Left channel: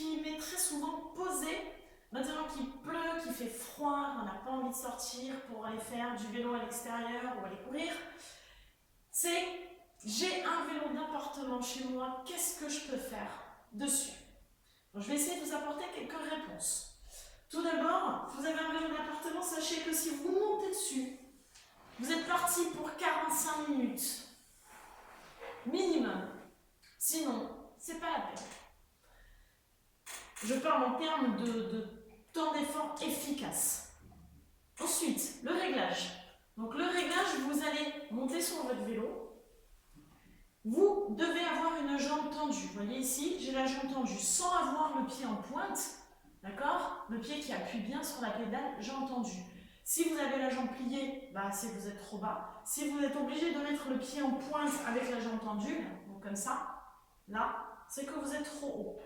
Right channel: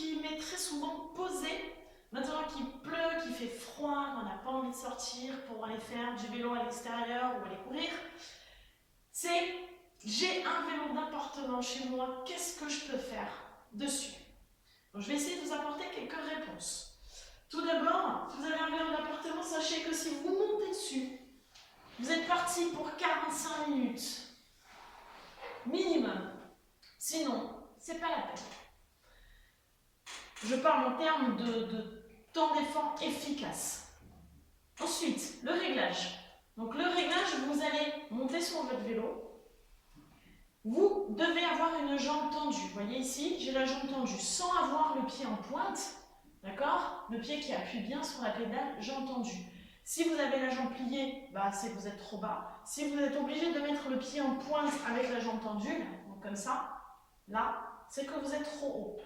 qui m'est très souvent posée, maintenant qu'il pleut, qu'il fait froid, on n'a pas envie de sortir pour aller faire du vélo à l'extérieur ou aller courir, c'est j'ai un vélo d'appartement chez moi, qu'est-ce que je peux faire dessus? Donc, je vais essayer de vous apporter quelques réponses. Tout d'abord, si vous avez un vélo d'appartement, sachez que si vous montez dessus, vous êtes parti pour 45 minutes minimum. Sinon, c'est pas la peine. Je parle en termes de temps d'effort efficace. Ensuite, le réglage. Donc le réglage, vous allez monter sur votre vélo. Vous devez avoir une jambe tendue. Vous voyez ici, j'ai la jambe tendue sans avoir le pied en pointe. D'accord? Le pied qui appuie bien sur la pédale, jambe tendue. Si vous avez la jambe pliée, bah, c'est que vous êtes trop bas. Si vous êtes obligé de mettre le pied en pointe avec la jambe tendue, donc comme ça, là, c'est que vous êtes trop haut.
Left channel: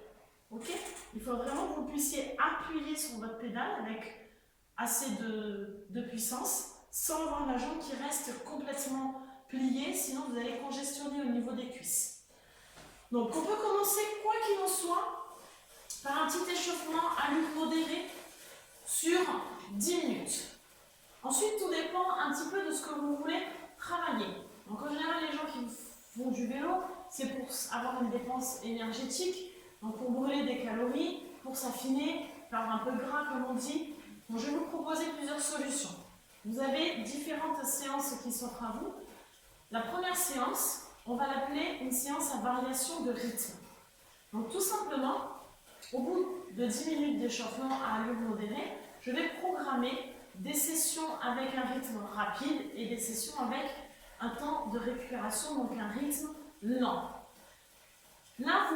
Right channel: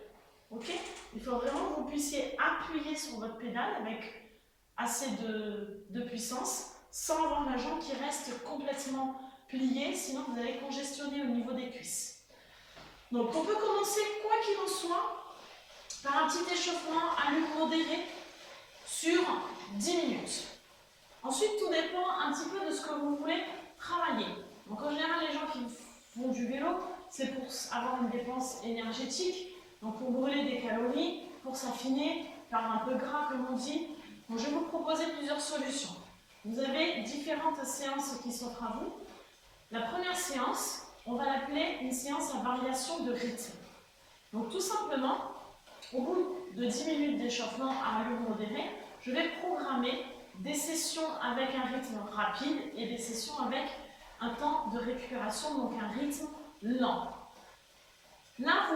Ok? Il faut vraiment que vous puissiez appuyer sur votre pédale avec assez de puissance sans avoir la jambe qui reste complètement pliée, sinon vous allez congestionner au niveau des cuisses. Donc on peut commencer, quoi qu'il en soit, par un petit échauffement à l'huile modérée sur 10 minutes. Ensuite, tout dépend un petit peu de ce que vous voulez travailler. Donc en général, les gens qui font du vélo, c'est pour avoir une dépense énergétique, donc pour brûler des calories, pour s'affiner, faire un peu gras comme on dit. Donc je vais vous proposer plusieurs solutions. Vous avez différentes séances qui s'offrent à vous. La première séance, on va l'appeler une séance à variation de rythme. Donc tout simplement, au bout de 10 minutes d'échauffement à allure modérée, je vais programmer des sessions avec un rythme rapide et des sessions avec un temps de récupération, donc un rythme lent. Là,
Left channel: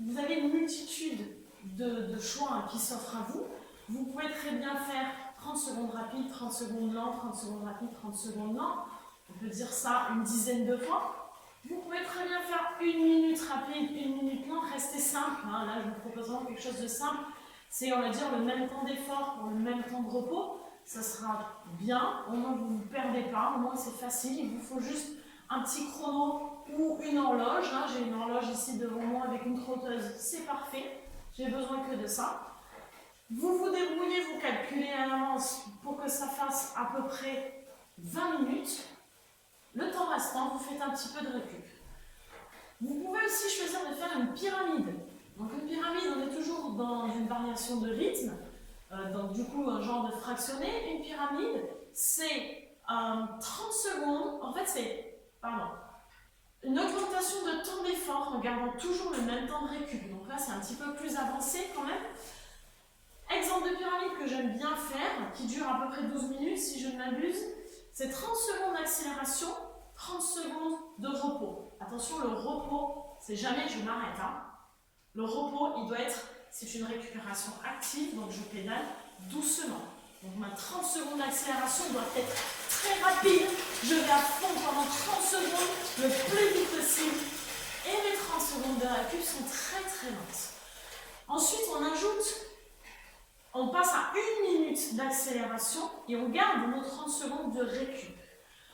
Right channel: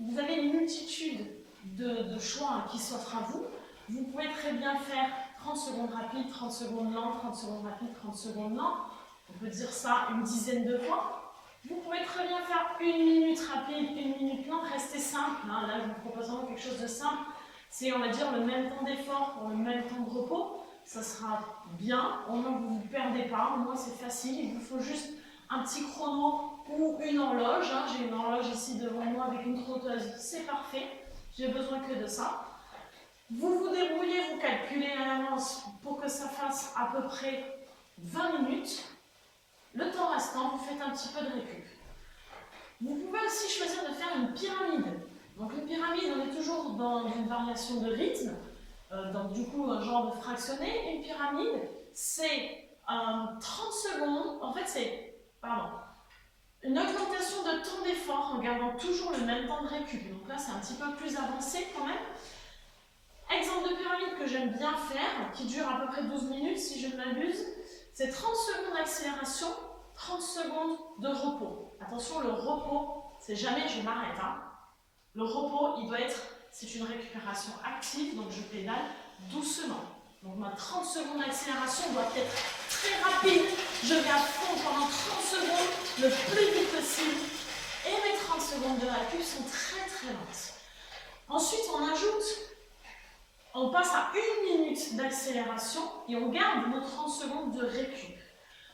vous avez une multitude de choix qui s'offrent à vous. Vous pouvez très bien faire 30 secondes rapides, 30 secondes lent, 30 secondes rapides, 30 secondes lent. On peut dire ça une dizaine de fois. Vous pouvez très bien faire 1 minute rapide, 1 minute lente, restez simple. Hein. Là, je vous propose vraiment quelque chose de simple. C'est, on va dire, le même temps d'effort pour le même temps de repos. Ça sera bien, au moins vous ne vous perdez pas, au moins c'est facile. Il vous faut juste un petit chrono ou une horloge. Hein. J'ai une horloge ici devant moi avec une trotteuse, c'est parfait. J'ai besoin que de ça. Vous vous débrouillez, vous calculez à l'avance pour que ça fasse à peu près 20 minutes. Le temps restant, vous faites un petit peu de récup. Vous pouvez aussi choisir de faire une pyramide. Donc une pyramide, on est toujours dans une variation de rythme, donc du coup un genre de fractionné. Une pyramide, c'est 30 secondes, en fait c'est, une augmentation de temps d'effort en gardant toujours le même temps de récup. Donc là c'est un petit peu plus avancé quand même. Exemple de pyramide que j'aime bien faire, qui dure à peu près 12 minutes si je ne m'abuse, c'est 30 secondes d'accélération, 30 secondes de repos. Attention, le repos, c'est jamais je m'arrête. Hein. Le repos, il doit être, c'est une récupération active, donc je pédale doucement. Donc ma 30 secondes d'accélération doit être très rapide. Je vais à fond pendant 30 secondes, le plus vite possible. Et mes 30 secondes de récup sont très très lentes. Ensuite, on passe à 1 minute d'accélération et on garde nos 30 secondes de récup.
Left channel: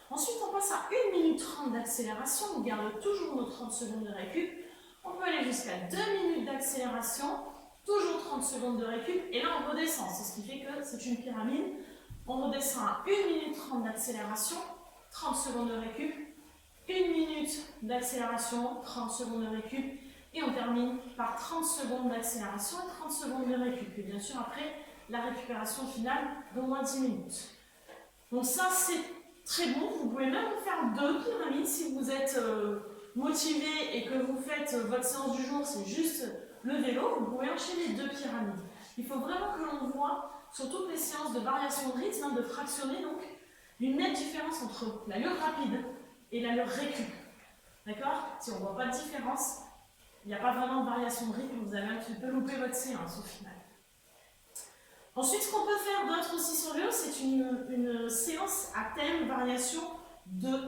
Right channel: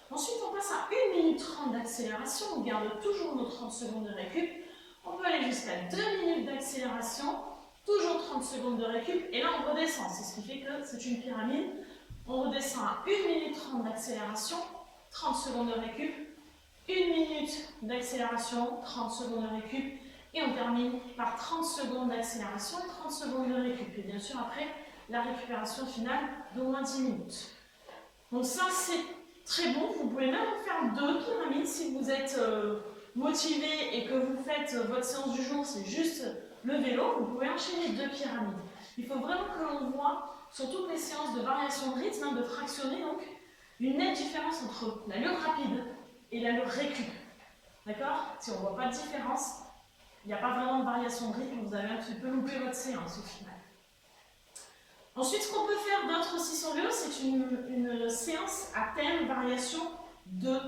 Ensuite, on passe à 1 minute 30 d'accélération, on garde toujours nos 30 secondes de récup. On peut aller jusqu'à 2 minutes d'accélération, toujours 30 secondes de récup, et là on redescend. C'est ce qui fait que c'est une pyramide. On redescend à 1 minute 30 d'accélération, 30 secondes de récup, 1 minute d'accélération, 30 secondes de récup, et on termine par 30 secondes d'accélération et 30 secondes de récup. Et bien sûr, après, la récupération finale d'au moins 10 minutes. Donc ça, c'est très bon. Vous pouvez même faire 2 pyramides si vous êtes motivé et que vous faites votre séance du jour, c'est juste le vélo. Vous pouvez enchaîner 2 pyramides. Il faut vraiment que l'on voit, sur toutes les séances de variation de rythme, hein, de fractionner, donc, une nette différence entre l'allure rapide et l'allure récup. D'accord? Si on ne voit pas de différence, il n'y a pas vraiment de variation de rythme, vous avez un petit peu loupé votre séance au final. Ensuite, ce qu'on peut faire d'autre aussi sur le vélo, c'est une séance à thème variation de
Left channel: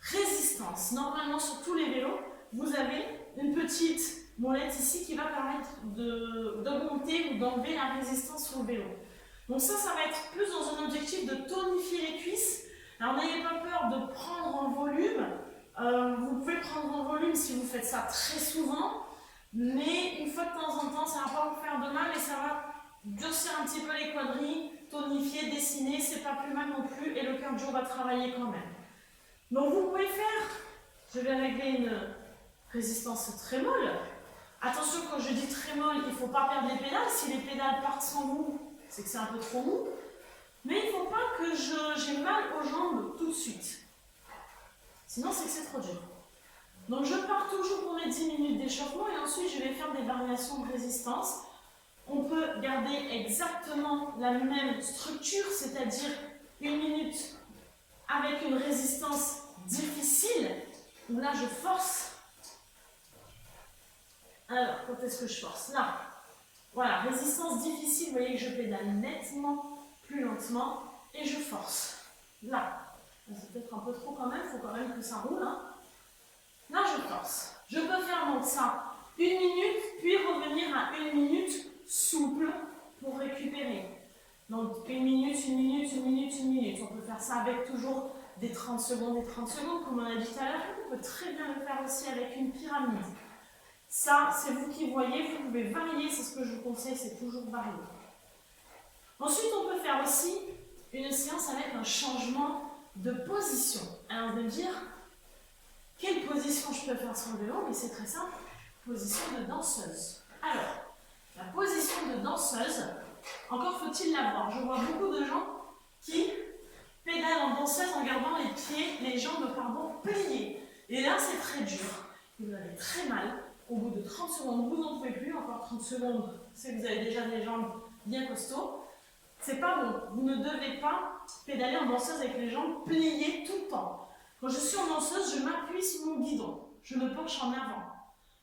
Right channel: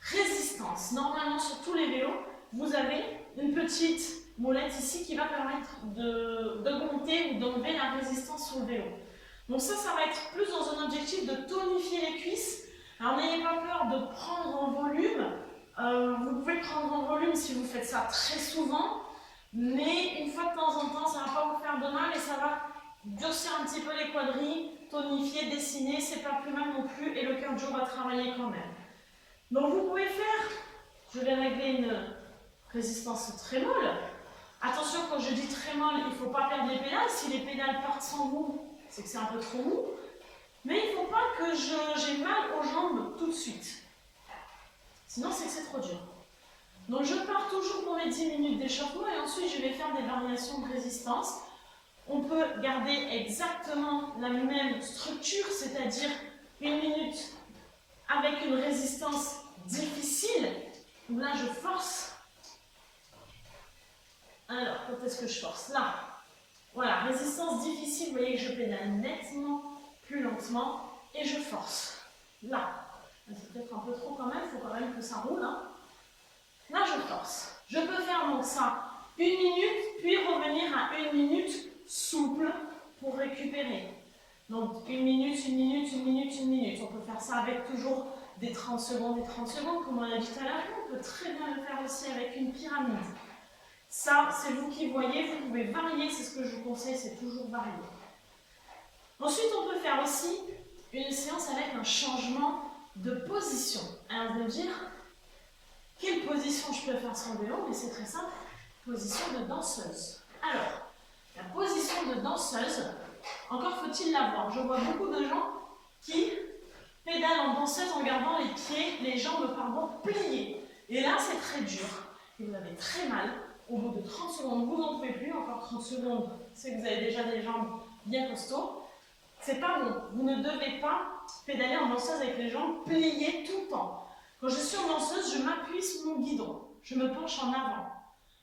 résistance. Normalement, sur tous les vélos, vous avez une petite molette ici qui va permettre d'augmenter ou d'enlever la résistance sur le vélo. Donc ça va être plus dans un objectif de tonifier les cuisses. Alors n'ayez pas peur de prendre en volume. Vous pouvez prendre en volume si vous faites ça très souvent. mais une fois de temps en temps, ça ne va pas vous faire de mal et ça va durcir un petit peu les quadrilles, tonifier, dessiner, c'est pas plus mal non plus et le cardio va travailler quand même. Donc vous pouvez faire, je vais régler une résistance très molle. Attention, quand je dis très molle, il ne faut pas perdre les pédales. Si les pédales partent sans vous, c'est que c'est un peu trop mou. Mais il ne faut pas que j'ai mal aux jambes tout de suite. Sinon, c'est que c'est trop dur. Donc je pars toujours pour les 10 minutes d'échauffement et ensuite je vais faire des variations de résistance. On peut garder exactement la même structure, c'est-à-dire 1 minute avec une résistance difficile, où là je force. Alors, quand est-ce que je force? Là. Voilà, résistance difficile, vous voyez que je pédale nettement plus lentement et je force. Là. C'est peut-être un peu trop quand même, il faut quand même que ça roule. Hein. Là, je force. Je peux faire donc ça 1 minute, puis revenir à 1 minute souple pour récupérer. Donc 1 minute, 1 minute, 1 minute, 1 minute. On peut faire ça avec toujours des 30 secondes et 30 secondes, comme on a dit tout à l'heure. On peut très bien le faire aussi avec une pyramide. Ça, c'est vous qui voyez, vous pouvez varier, c'est ce que je vous conseille, c'est toujours varier. Ensuite, on peut faire aussi une séance avec un changement de position. Alors, vous allez me dire, quelle position je peux faire sur le vélo? Mais c'est très simple, position de danseuse. Alors, la position de danseuse, encore faut-il la voir. Je vois beaucoup de gens qui pédalent en danseuse en gardant les pieds, les jambes, pardon, pliées. Et là, c'est très dur. Et vous avez très mal. Au bout de 30 secondes, vous n'en pouvez plus. Encore 30 secondes, c'est que vous avez déjà des jambes bien costauds. C'est pas bon. Vous ne devez pas pédaler en danseuse avec les jambes pliées tout le temps. Quand je suis en danseuse, je m'appuie sur mon guidon. Je me penche en avant.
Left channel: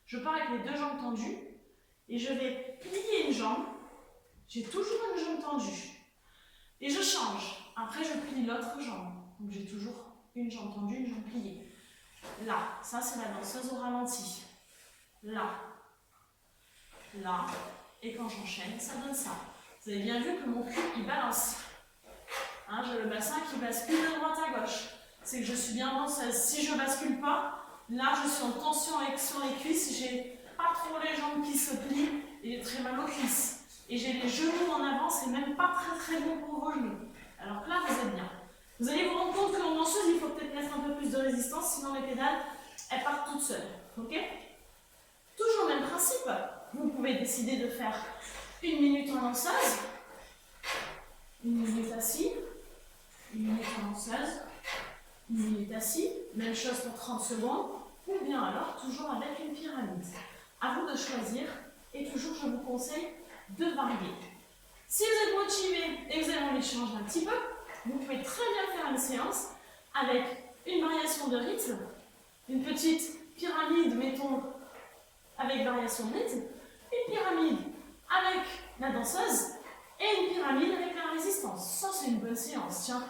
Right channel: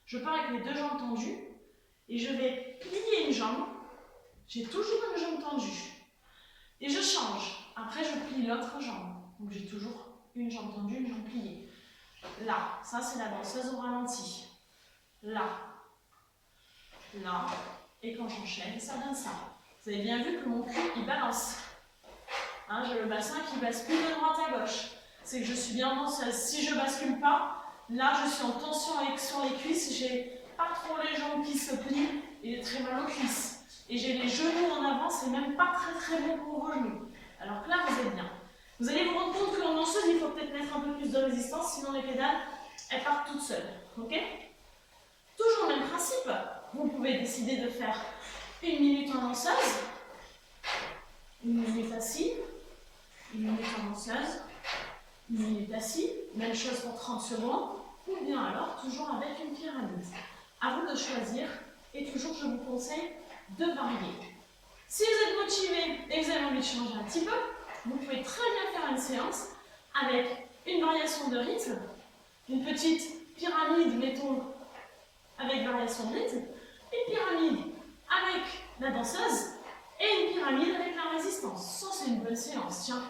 Je pars avec les 2 jambes tendues et je vais plier une jambe. J'ai toujours une jambe tendue. Et je change. Après, je plie l'autre jambe. Donc, j'ai toujours une jambe tendue, une jambe pliée. Là, ça, c'est la danseuse au ralenti. Là, là, et quand j'enchaîne, ça donne ça. Vous avez bien vu que mon cul, il balance. Hein, j'ai le bassin qui bascule de droite à gauche. C'est que je suis bien en danseuse. Si je ne bascule pas, là, je suis en tension sur les cuisses. J'ai pas trop les jambes qui se plient et j'ai très mal aux cuisses. Et j'ai les genoux en avant, c'est même pas très très bon pour vos genoux. Alors que là, vous êtes bien. Vous allez vous rendre compte qu'en danseuse, il faut peut-être mettre un peu plus de résistance, sinon les pédales, elles partent toutes seules. Ok ? Toujours le même principe, vous pouvez décider de faire 1 minute en danseuse, 1 minute assis, 1 minute en danseuse, 1 minute assis, même chose pour 30 secondes, ou bien alors toujours avec une pyramide. À vous de choisir, et toujours je vous conseille de varier. Si vous êtes motivé et que vous avez envie de changer un petit peu, vous pouvez très bien faire une séance avec une variation de rythme, une petite pyramide, mettons, avec variation de rythme, une pyramide avec la danseuse et une pyramide avec la résistance. Ça, c'est une bonne séance, tiens,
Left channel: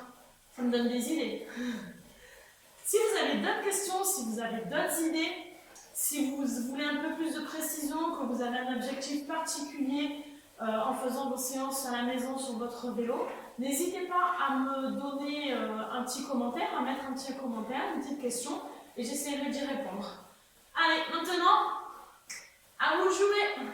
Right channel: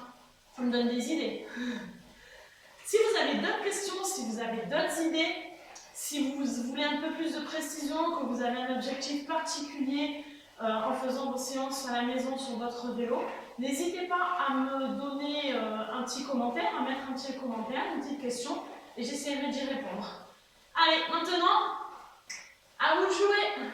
ça me donne des idées. Si vous avez d'autres questions, si vous avez d'autres idées, si vous voulez un peu plus de précision, que vous avez un objectif particulier en faisant vos séances à la maison sur votre vélo, n'hésitez pas à me donner un petit commentaire, à mettre un petit commentaire, une petite question, et j'essaierai d'y répondre. Allez, maintenant, à vous de jouer!